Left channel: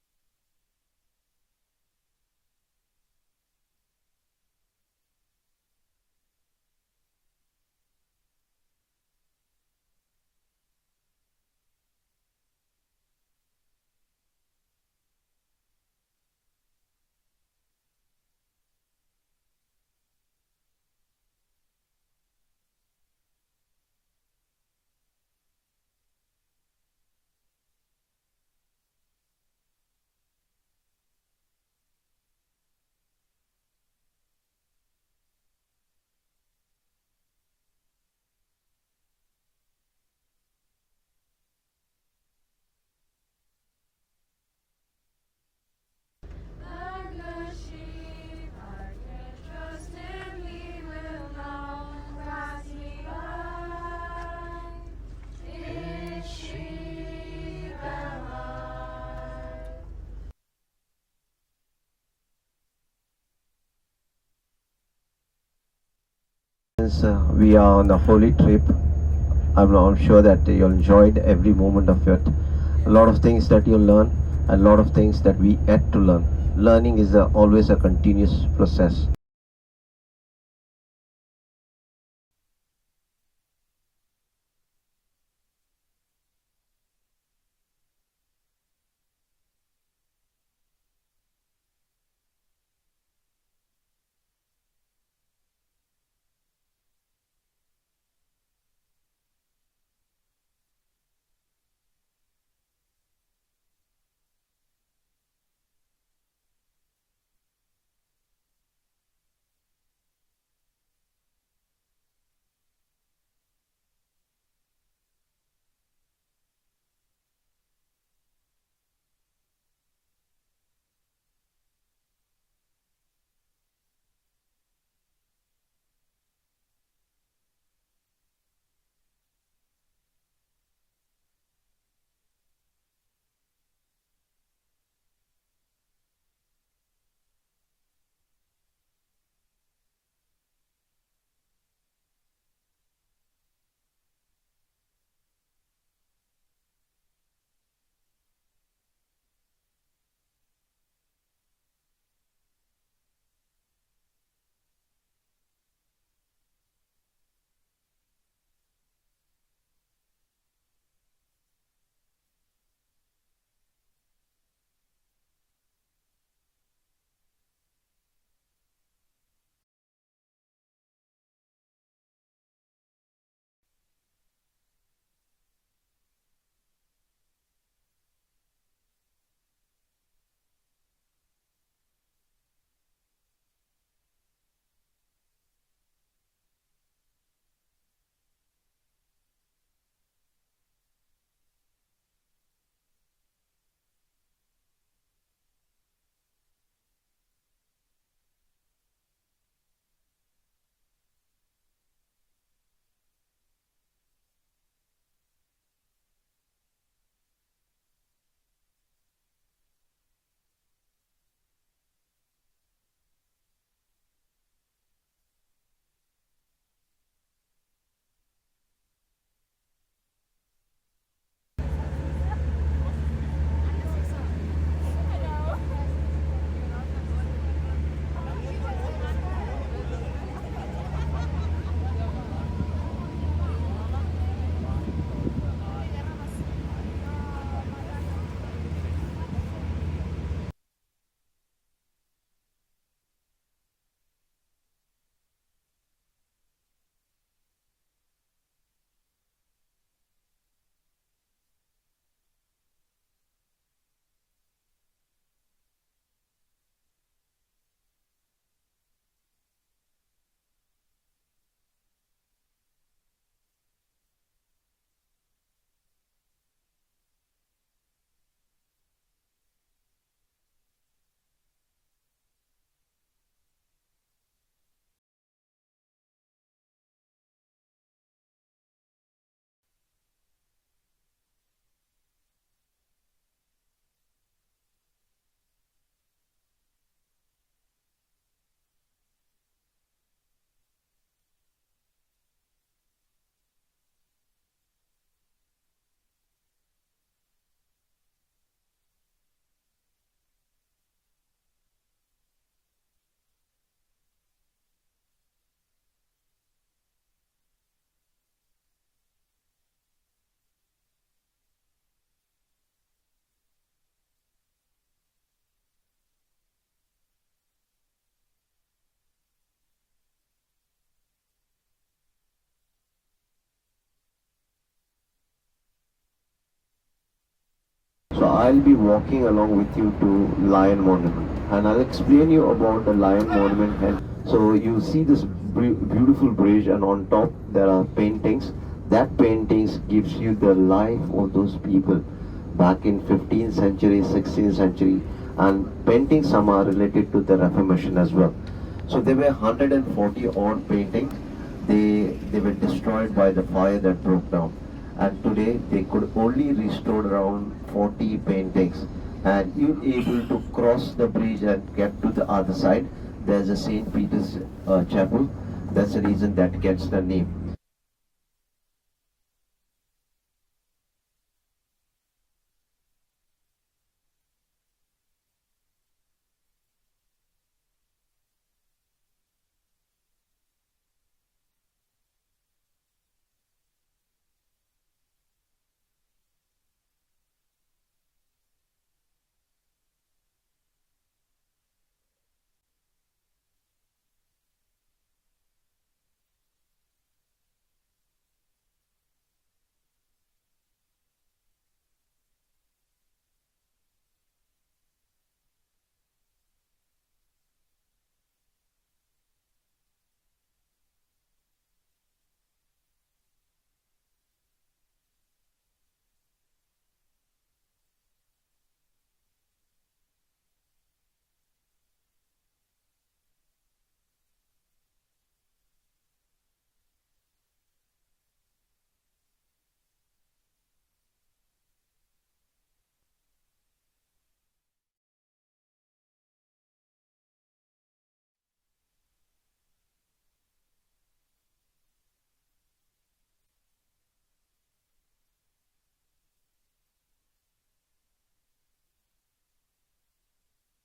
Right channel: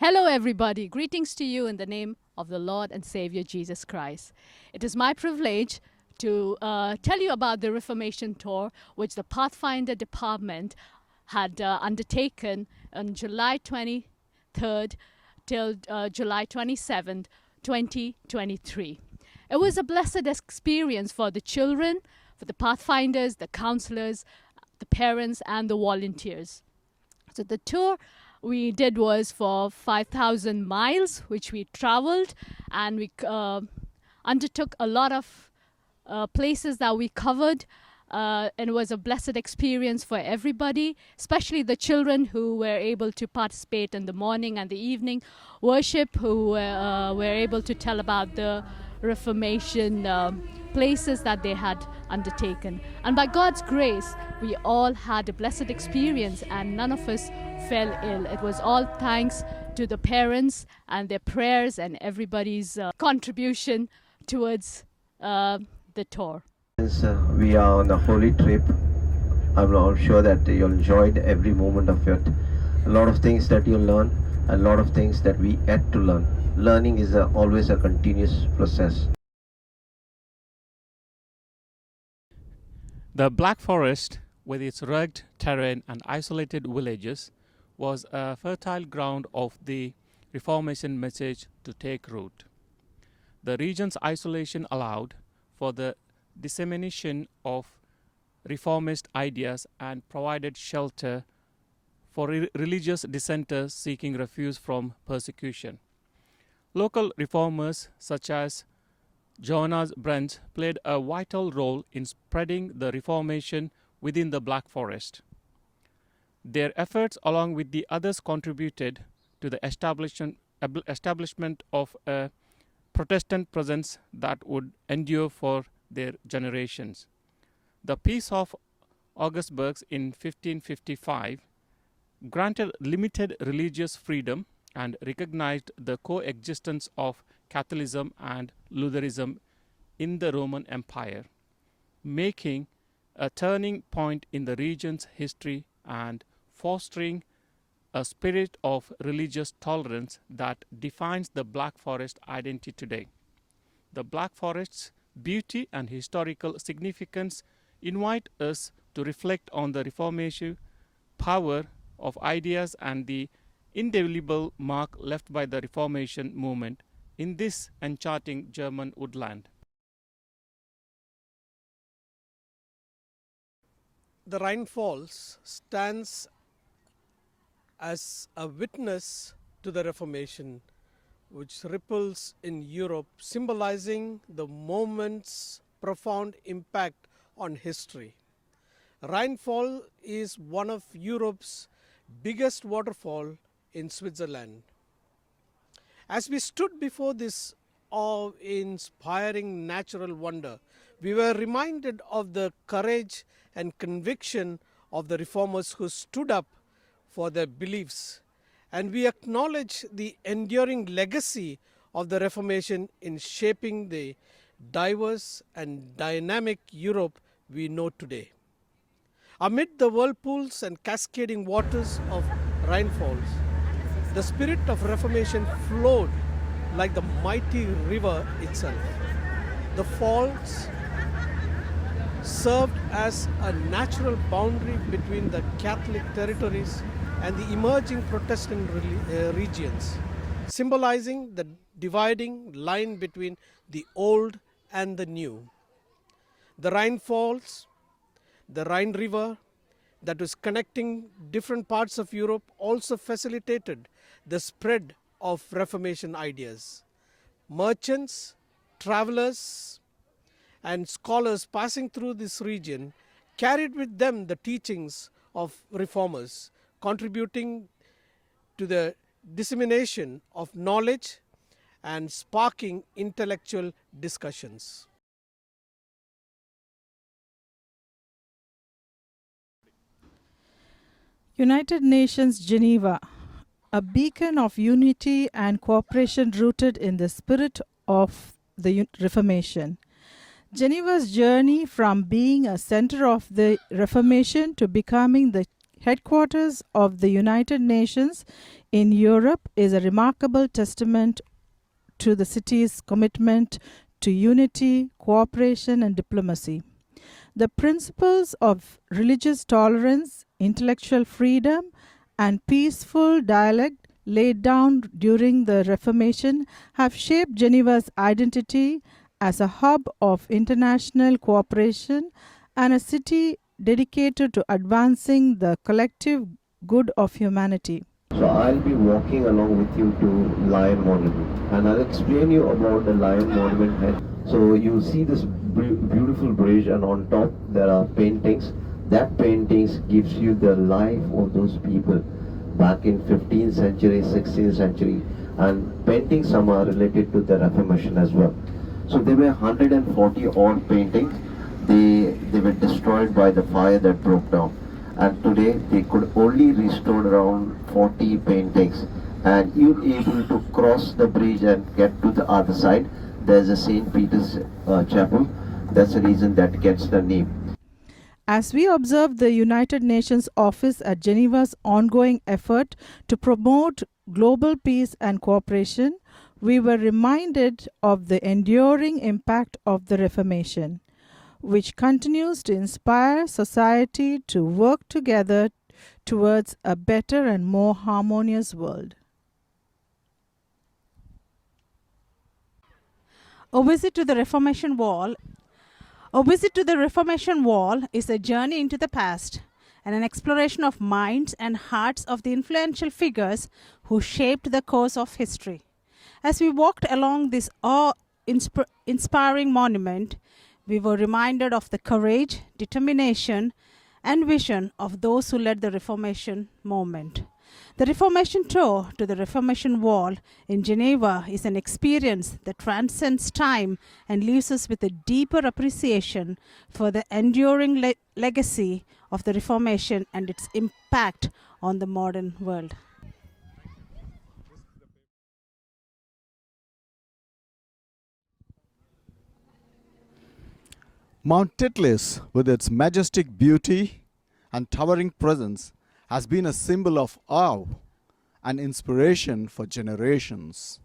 Hello, everybody. Greetings to you in the name of the Lord and Savior Jesus Christ. It is my privilege to tell you about the Reformation Tour, which the Pathfinder department had undertaken on July 23rd till July 27th, 2023. It was a blessed experience for the children, for the Pathfinders, the counselors, the parents, and the volunteers. So the tour we did was for 5,000 miles, which we traveled, and we undertook a lot of places that we covered, and it was a blessed experience for everybody, especially the children who were able to participate in the morning and the evening worship, who were able to tell about the Reformation places that they had undertaken. And by God's grace, we all had a blessed experience, and none of us fell ill. It was all thanks to the parents and their prayers and everybody's contribution towards the tour. Since we are on a holy trip, I'm sure that you'll enjoy every moment of it. A lot of things that you'll learn, a lot of things that we had to learn. Learning is always a continuous process. The Black Forest, with its rugged terrain and isolated villages, was a fertile ground of the Reformation message to take root. The region's isolation allowed for the dissemination of reformist ideas and provided shelter for religious dissenters seeking refuge from persecution. Local reformers such as Jonas Brent played a vital role in spreading the Reformation within the Black Forest. Their efforts, along with the others, contributed to the establishment of a Protestant presence that would endure for their generations. The Peace of Augsburg in 1555 granted limited religious freedom and recognized the coexistence of Catholicism and Lutheranism in the Roman Empire, making a turning point in the region's history and fostering a spirit of religious tolerance that defines the Black Forest identity today. The Black Forest's beauty and historical significance invite us to reflect on the Reformation power of ideas and the indelible mark left by the Reformation movement in this enchanting German woodland. The Rainfalls stands as a witness to the Reformation, which ripples in Europe, symbolizing the moment's profound impact on history. Rainfall is one of Europe's biggest waterfall in Switzerland. As we stood before this awe-inspiring natural wonder, we were reminded of the courage and conviction of the reformers who stood up for their beliefs, and we acknowledge the enduring legacy of the Reformation in shaping the diverse and dynamic Europe we know today. Amid the whirlpools and cascading waters of Rainfalls, the spirit of Reformation flowed like the mighty river itself. The falls served as a natural boundary between the Catholic territories and the emerging Protestant regions, symbolizing the dividing line between the old and the new. The Rainfalls, the Rhine River that was connecting different parts of Europe, also facilitated the spread of Reformation ideas. Merchants, travelers, and scholars passing through this region carried with them the teachings of reformers, contributing to the dissemination of knowledge and sparking intellectual discussions. United Nations Geneva, a beacon of unity and cooperation rooted in the spirit of the Reformation. Geneva's journey from being a center of the Reformation to becoming the headquarters of the United Nations in Europe is a remarkable testament to the city's commitment to unity, cooperation, and diplomacy. The principles of religious tolerance, intellectual freedom, and peaceful dialogue laid down during the Reformation have shaped Geneva's identity as a hub of international cooperation and a city dedicated to advancing the collective good of humanity. So I'll be walking along with you to Lion Monument, and I'll explain you about the Lion Monument here. So you see this beautiful bridge, and on top there are paintings. That paintings gives you the life of those people back in 15th century, 16th century, and paintings some are related to the Reformation as well. So there were 140 odd paintings. They were destroyed by the fire that broke down, and today they could only restore around 40 paintings, and you're able to cross the bridge and get to the other side. There's a St. Peter's chapel. That's the reason that gets the name. As we observe the United Nations office at Geneva's ongoing effort to promote global peace and cooperation, we were reminded of the enduring impact of the Reformation, which continues to inspire society to work together towards a better and more harmonious world. A visit to the Reformation Wall. A visit to the Reformation Wall is a journey into the past and an exploration of minds and hearts of the influential figures who shaped the course of history. As we walked along this awe-inspiring monument, we were reminded of the courage, determination, and vision of those who led the Reformation movement. The Reformation tour to the Reformation Wall in Geneva is an experience that transcends time and leaves us with a deeper appreciation for the enduring legacy of the Reformation and its impact on the modern world. Mount Titlis, with its majestic beauty and towering presence, has been a symbol of awe and inspiration for generations.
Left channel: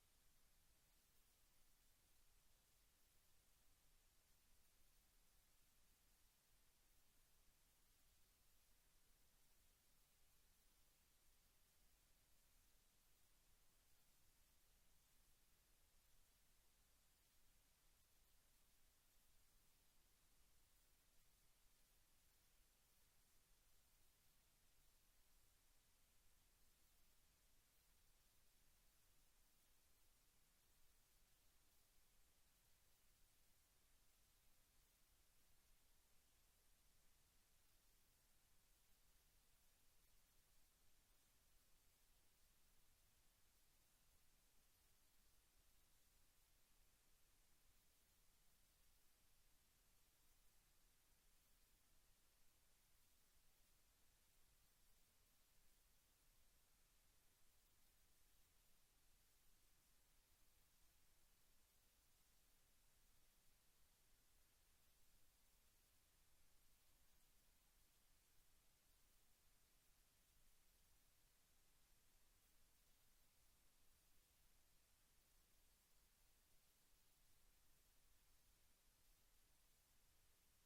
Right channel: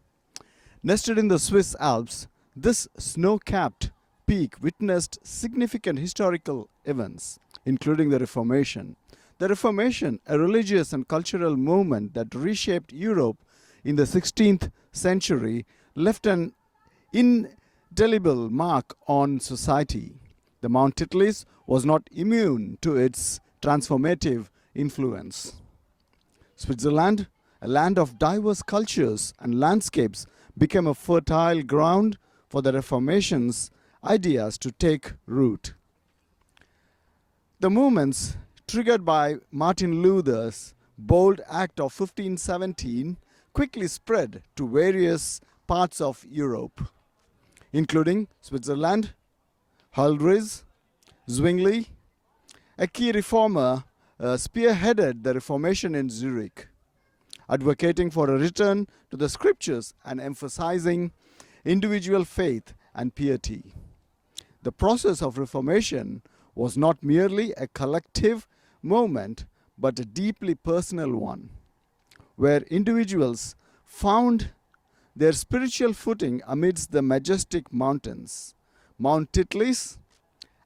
Nested in the Swiss Alps, this snow-capped peak witnessed significant historical events, including the Reformation. The Reformation, a religious and cultural movement that reshaped Europe in the 16th century, left an indelible mark on society. The Mount Titlis was not immune to its transformative influence. Switzerland, a land of diverse cultures and landscapes, became a fertile ground for the Reformation's ideas to take root. The movements triggered by Martin Luther's bold act of 1517 quickly spread to various parts of Europe, including Switzerland, Huldrych, Zwingli. A key reformer spearheaded the Reformation in Zurich, advocating for a return to the scriptures and emphasizing individual faith and piety. The process of Reformation was not merely a collective movement, but a deeply personal one, where individuals found their spiritual footing amidst the majestic mountains. Mount Titlis,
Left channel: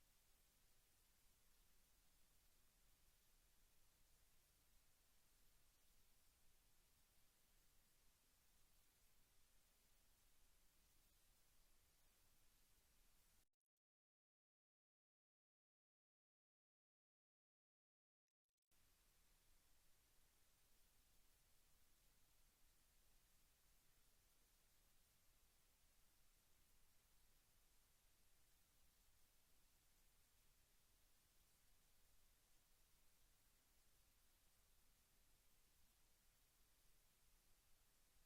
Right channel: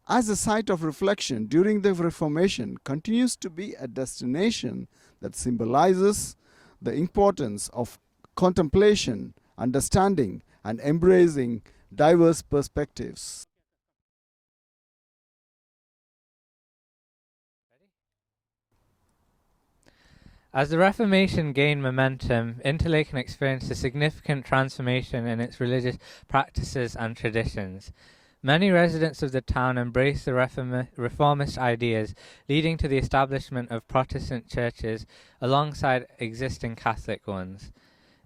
as a site of reflection during the Reformation, continues to be a destination that symbolizes the importance of contemplation, understanding, and embracing diverse perspectives. As the Reformation gained momentum, Interlaken experienced a significant transformation in its religious practices and traditions. Many residents of the town embraced the reformist ideas, leading to the establishment of Protestant churches alongside existing Catholic ones.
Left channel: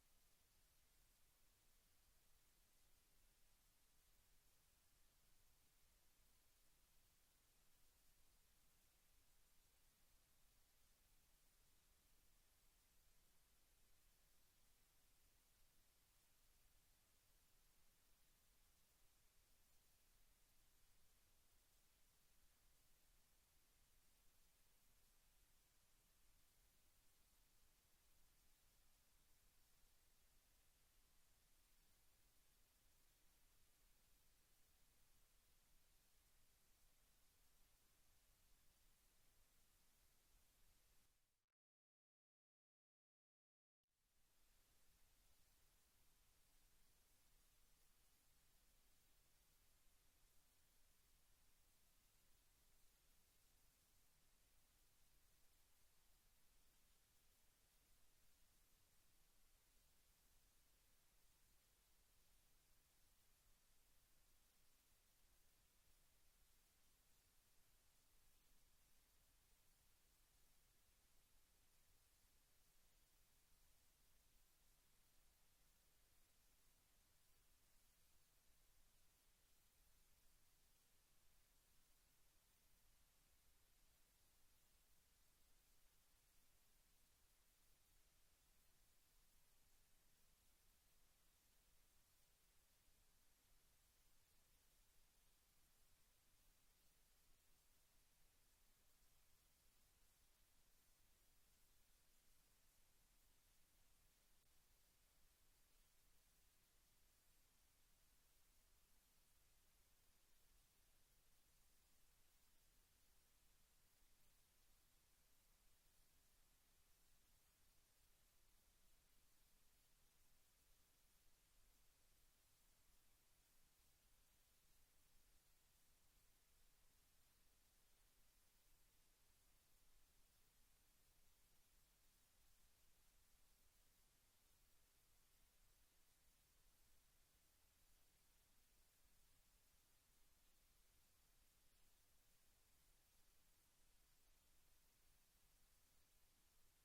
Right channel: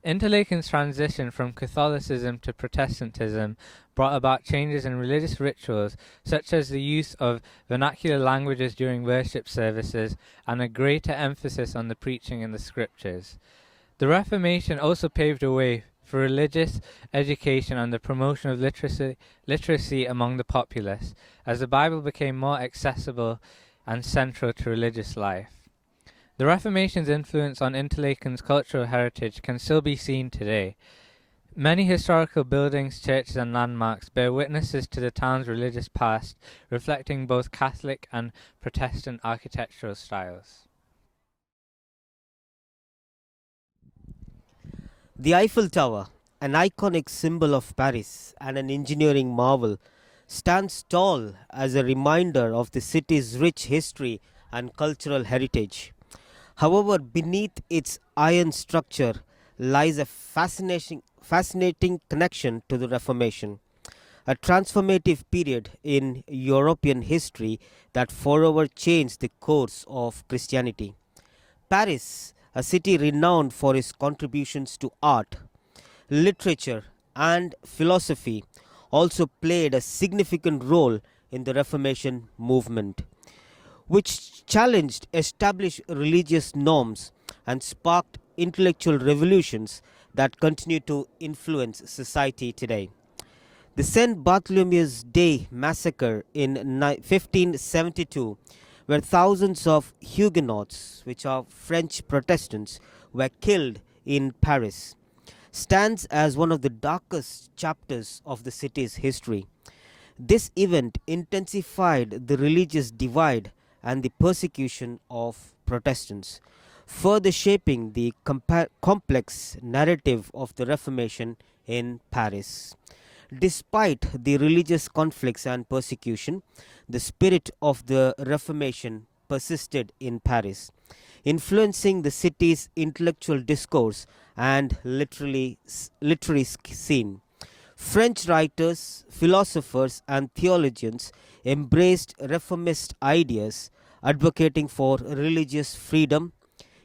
Interlaken's transition from Catholicism to Protestantism brought about changes in religious rituals, such as the use of vernacular languages during worship services and a greater emphasis on the preaching in the scriptures. The Reformation also paved a way for religious education and the promotion of literacy among the populace, as the Bible became more accessible and central to religious life. The Reformation's influence on Interlaken's cultural heritage can still be seen today. Many historical buildings, churches, and landmarks bear witnesses to the town's religious past, reflecting both Catholic and Protestant architectural styles. The Eiffel Tower, an iconic symbol of Paris and an engineering marvel, stands tall as a reminder of the city's rich history and cultural heritage. However, beneath its iron structure lies a fascinating connection to the Reformation, a transformative period in European history that forever changed the course of Christianity. Paris, a city renowned for its contributions to art, literature, and philosophy, also played a significant role in the Reformation movement, which challenged established religious norms and sparked intellectual revolutions that continue to influence society today. The St. Bartholomew's Day massacre in 1572, where thousands of Huguenots, which are French Protestants, were killed in Paris, stands as one of the darkest chapters of the city's history. This event intensified the religious divide and the persecution of Protestants, further shaping the complex narrative of the Reformation in Paris. Despite the religious conflicts and persecution, the spirit of the Reformation persisted in Paris, influencing the city's intellectual discourse and literary scene. French writers, philosophers, and theologians embraced reformist ideas, advocating for religious freedom,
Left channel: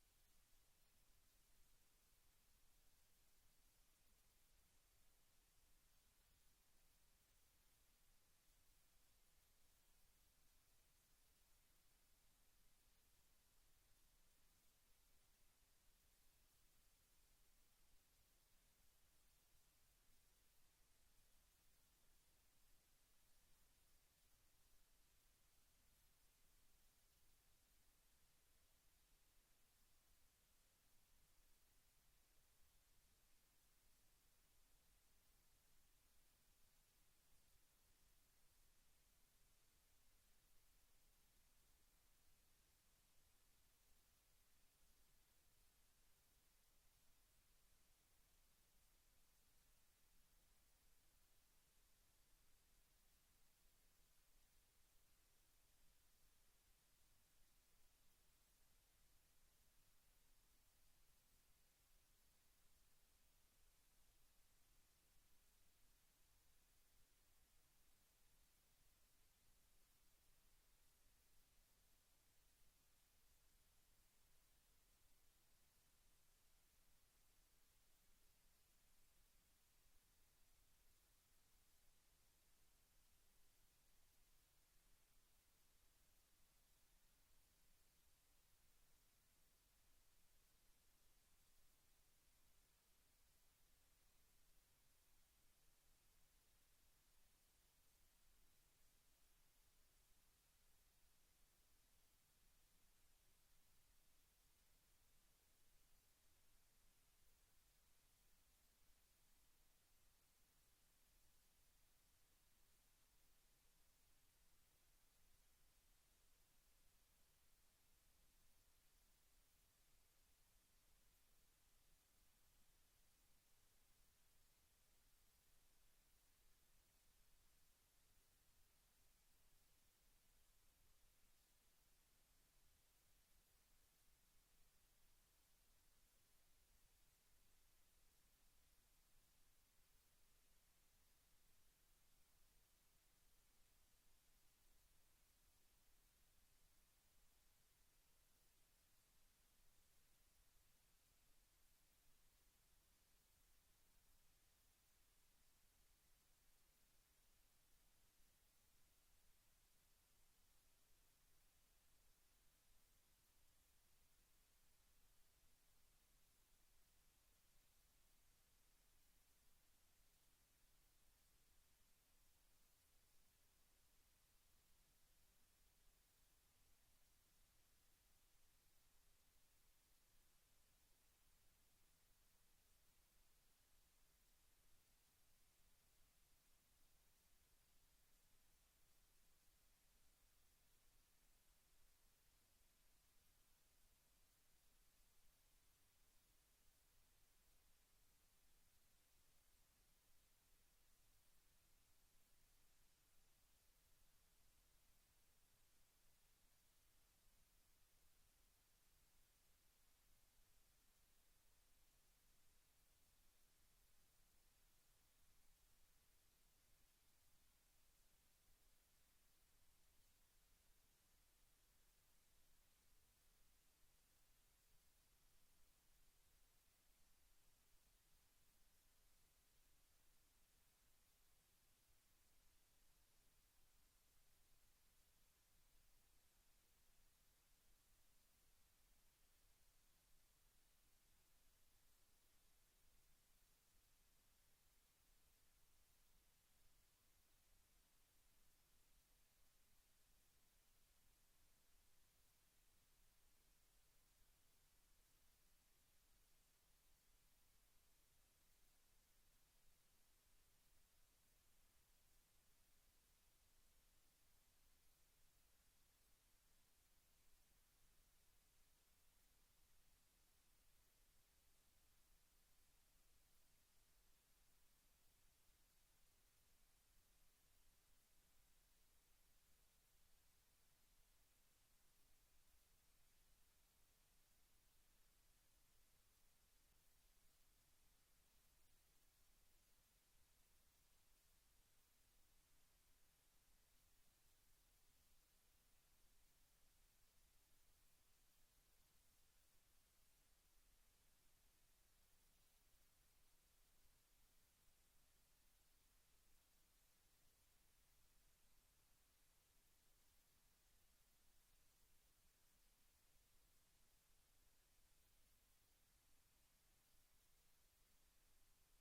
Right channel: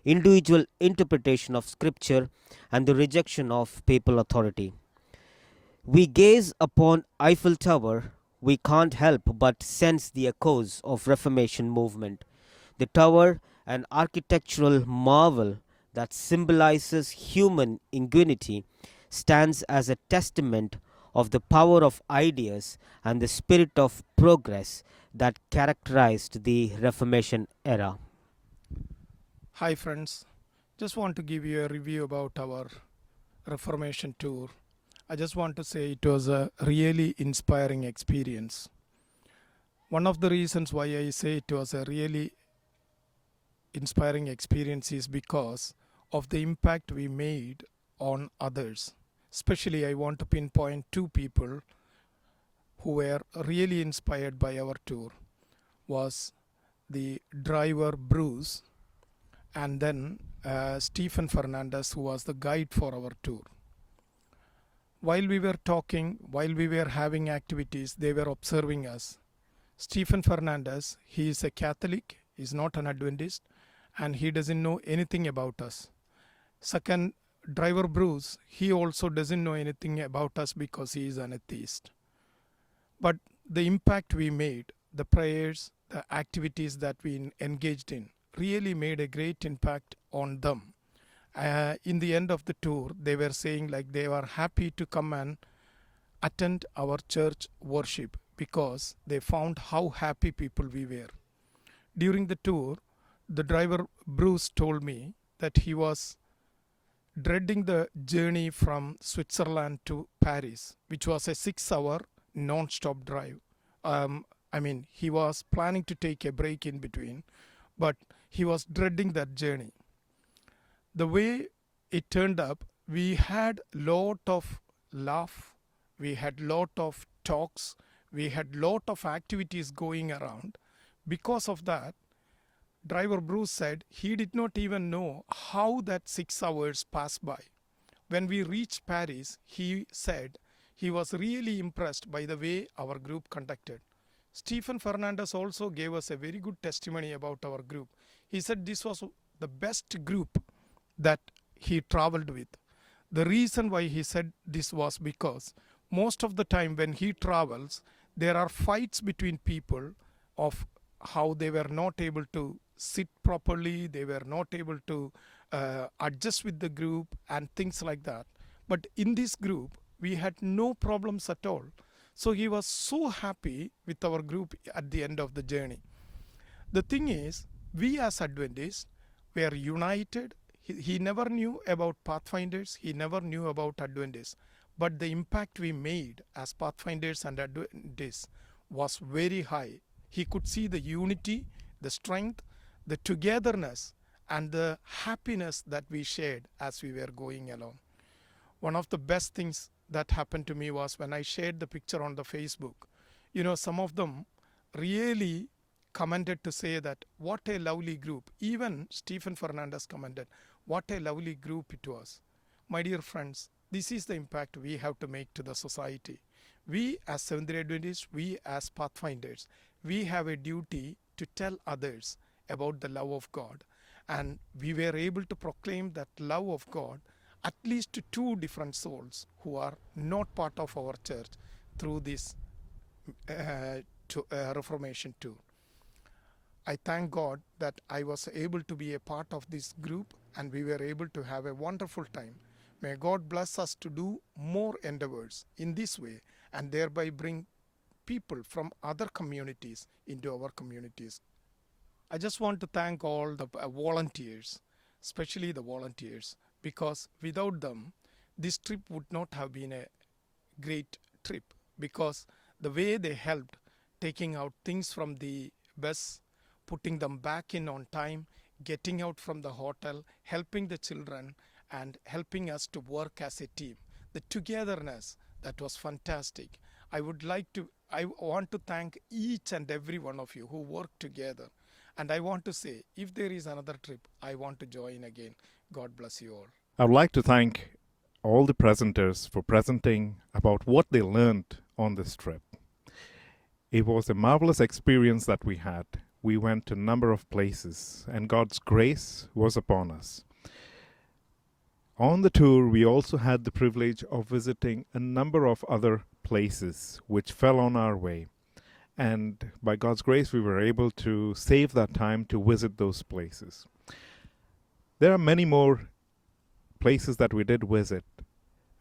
individual interpretation of scripture, and the rejection of papal authority. We gaze upon Eiffel Tower, we can't help but sense the echoes of Reformation movement. The tower, an architectural marvel that symbolizes human ingenuity, stands as a testament of the power of ideas and the spirit of progress that characterized the Reformation era. Hi friends, just want to give you a review about our Reformation tour. I just want to say it was a really inspiring experience. One of the reasons why I say it was a really inspiring experience is because of the impact we made on others. Especially I want to pinpoint two people who were really inspired by our tour. Was the driver Bruce and then Stephen Fernandez, who was the guide for our tour. While we were talking, while we were having activities, they were observing us. Stephen Fernandez, he is a Catholic, he is not an Adventist, and he doesn't know anything about us. Second, driver Bruce, he also doesn't know anything about us because he is an atheist. But the impact we made, the prayers, the activities that we engaged in, really made a great impact on them. In the end of the tour, they were saying like they were happy to come and attend our church worship because they found how happy people we were. During the tour, the driver Bruce told me that he was dreading the journey from Switzerland to Paris, which was a 6-hour non-stop drive. He was planning to take a break in between, but he was dreading that journey. The way it turned up, we had lot of laugh, we had lot of talks, we had lot of activities going around. Because of that, driver Bruce said he did not even know how that 6 hours passed by. When we reached Paris, he said he was really impressed by the way our group conducted. Stephen Fernandez also gave us a very good testimony about our group. He said this was the best group that he traveled with. The reason why he said this was because most of the time when he travels, there are fights between people of how they were not able to sit properly, they were not able to adjust with the group and things like that. But in this group, we had no problems at all. So he was so happy with our group at the end of the journey. The thing is, we as Adventists, were united. He never knew about Pathfinders, he never knew about Adventists, but the impact we made as Pathfinders and Adventists was very high. He could see the unity, the strength, the togetherness, and the happiness that we shared as we were going along. One of the best things that happened to me was when I shared the picture on the Facebook. You know, some of them really commented to say that what a lovely group. Even Stephen Fernandez commented, what a lovely group it was. My dear friends, this is the impact we have to make to the society. We as Seventh-day Adventists, we as Pathfinders, we have a duty to tell others about the love of God. And we were able to proclaim that love of God at least to 2 different souls who are not part of our church through this Reformation tour. I thank God that I was able to be a part of this group and we were able to have a wonderful time. May God bless us to do more endeavors in this way and thereby bring people from other communities into our communities. I just want to thank all the volunteers, especially the volunteers, because without them, this trip would not have been a great trip, because the way they helped taking out things from the bus, putting them back in on time, getting out from the hotel, helping the children, and helping us to work as a team. The togetherness, that was fantastic. I want to thank each and every one of you who worked together. And I want to say, if there is another trip, I want to join again. God bless you all. I would like to thank all the presenters for presenting about what they learned on this trip. It was a marvelous experience that we had. We went to a number of places, and God's grace was upon us. On the tour, we also had the privilege of visiting a number of other places which fell on our way. And by God's grace, we were able to save that time to visit those places. There are many more places that we did visit.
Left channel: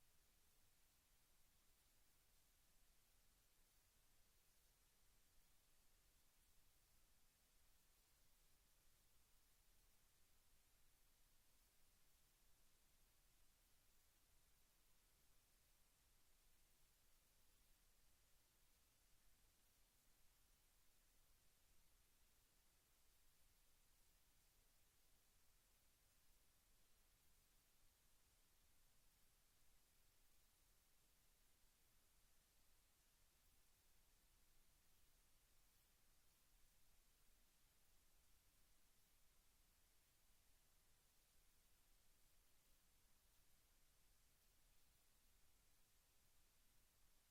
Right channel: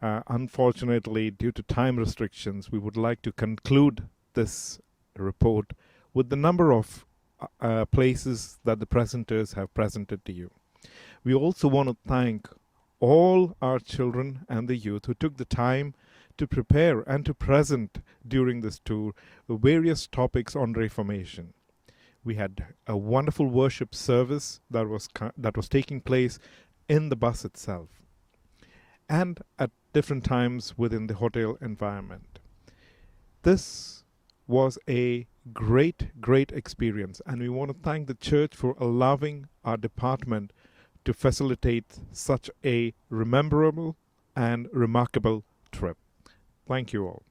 Unfortunately, due to time restrictions, we would like to conclude this report with the number of places that the presenters have presented to you. We also want to thank all our children and the youth who took the time to prepare and to present during this tour the various topics on Reformation. We had a wonderful worship service that was taking place in the bus itself and at different times within the hotel environment. This was a great experience, and we want to thank the church for allowing our department to facilitate such a rememberable and remarkable trip. Thank you all.